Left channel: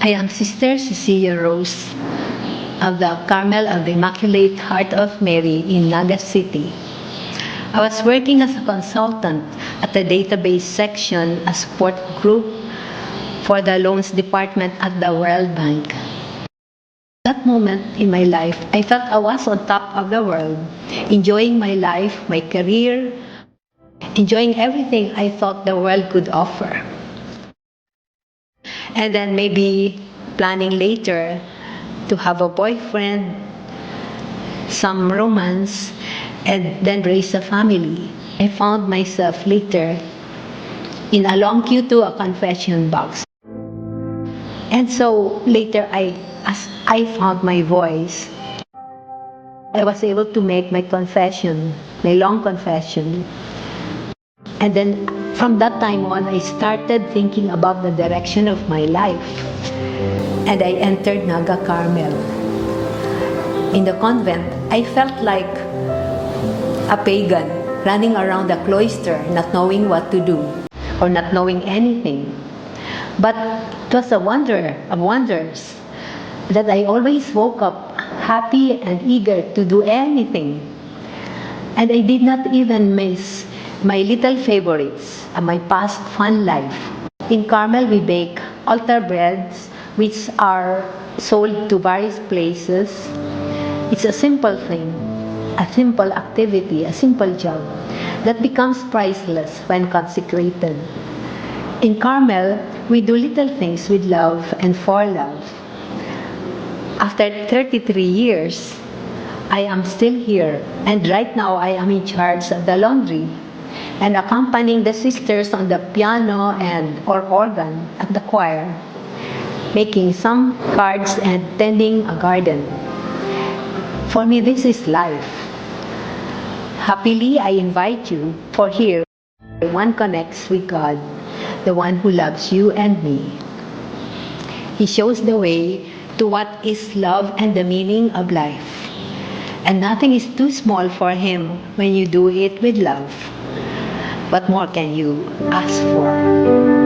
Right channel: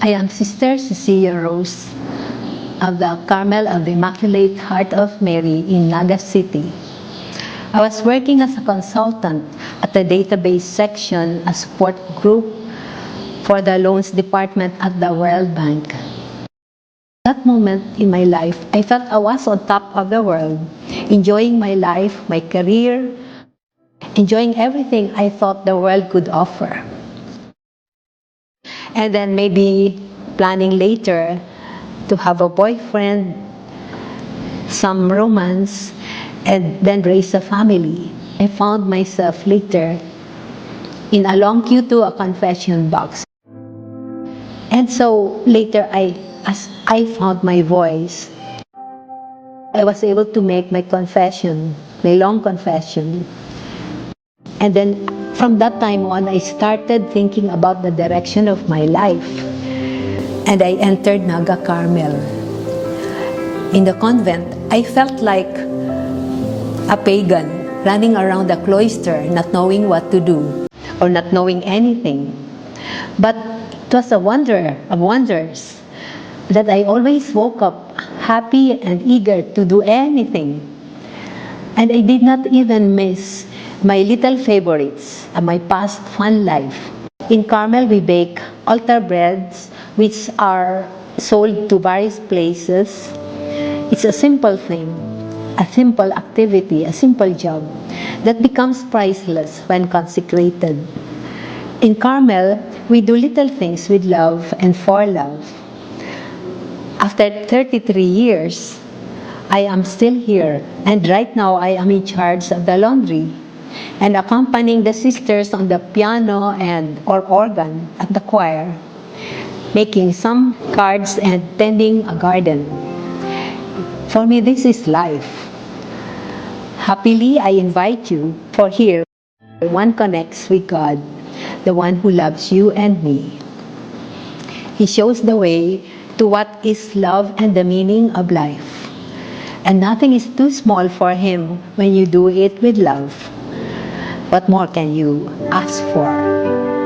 I am Sister Cecilia Rose of the Carmel of the Immaculate Heart of Mary in Naga City. I was working as a consultant at the database section, a support group for the loans department at the World Bank. That moment in my life, I felt I was on top of the world, enjoying my life, my career, enjoying everything I thought the world could offer. And then maybe planning later to have a boyfriend, some romance, and then raise a family. I found myself later in a long queue to a confession box. And so later, as I found my voice, I was able to make my confession, my long confession. And then from that time on, I started thinking about the direction of my life. And I entered Naga Carmel. In the convent, I felt like a pagan running around the cloister, not knowing what to do or not knowing anything. But it was a wonder of wonders that I always woke up happy and eager to do anything. And I did not even miss my little favorites of my past fun life. In Carmel, we bake altar breads, which are sold to various places. It's a simple thing, a simple activity, a simple job that becomes priceless when consecrated. In Carmel, we do little things with love and for love. After 33 years, I am still here, and right now I am in charge of the laundry and accompanying the sisters on the piano or organ at the choir, making some cards and tending a garden. For me, this is life. Happily, I invite you, for here, one connects with God, the one who loves you and me. He shows the way to what is love and the meaning of life. And nothing is too small for Him when you do it with love. What more can you ask for?